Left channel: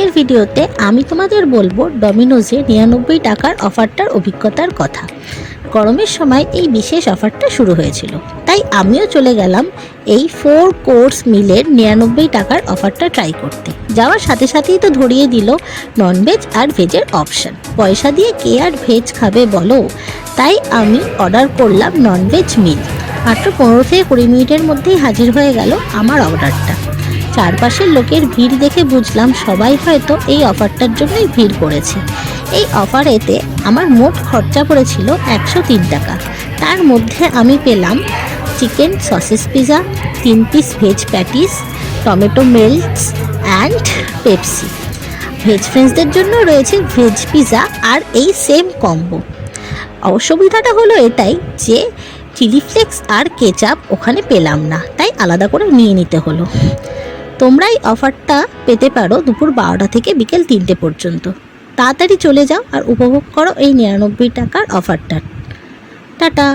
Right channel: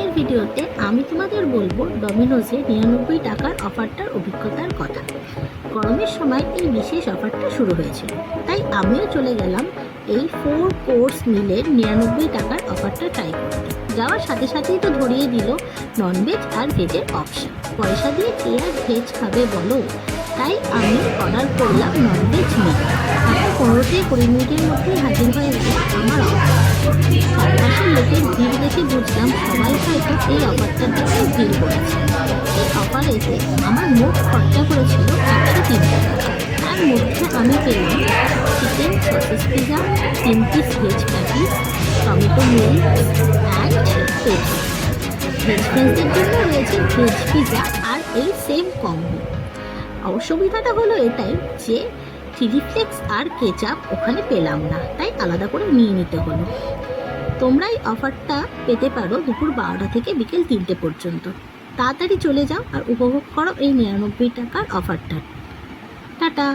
আজকের ভিডিওতে আমি তোমাদের বলবো ডমিনোজে 99 টাকার অফারটার অভিজ্ঞতার কথা। গরমের সময় এই বিশেষ অফারটা শুরু হয়েছিল, তাই আমিও চলে গেলাম এই 4 কোর্স মিলের 99 টাকার অফারটা ট্রাই করতে। যাওয়ার সাথে সাথেই তো ধরিয়ে দিল ননভেজ আর ভেজের অপশান। পয়সা দিয়ে কে আর ভেজ খাবে বলো, তাই আমি অর্ডার করলাম ননভেজ মিল। মাত্র 15 থেকে 20 মিনিটের মধ্যেই হাজির হয়ে গেল আমার অর্ডারটা। চারপাশের লোকের ভিড় দেখে বুঝলাম সবাই হয়তো এই অফারটার জন্যই ভিড় করেছে। এই অফারেতে আমার মোট খরচা পড়েছিল 103 টাকা। তার মধ্যে আমি পেলাম chicken sausage pizza, 3 piece veg patties, tomato melts and Pepsi. Veg ফ্রেন্ডসদের জন্য রয়েছে ভেজ পিৎজা আর এই সেম কম্বো। অসুবিধাটা হলো এটাই যে চিলি ফ্লেক্স আর কেচাপ ওখানে পেলাম না, তাই আলাদা করে নিয়ে নিতে হলো। তোমরা এই অফারটা পেতে পারো দুপুর 12টা থেকে বিকেল 3টে পর্যন্ত। তাড়াতাড়ি চলে যাও আর উপভোগ করো এই 99 টাকার অফারটা। টাটা।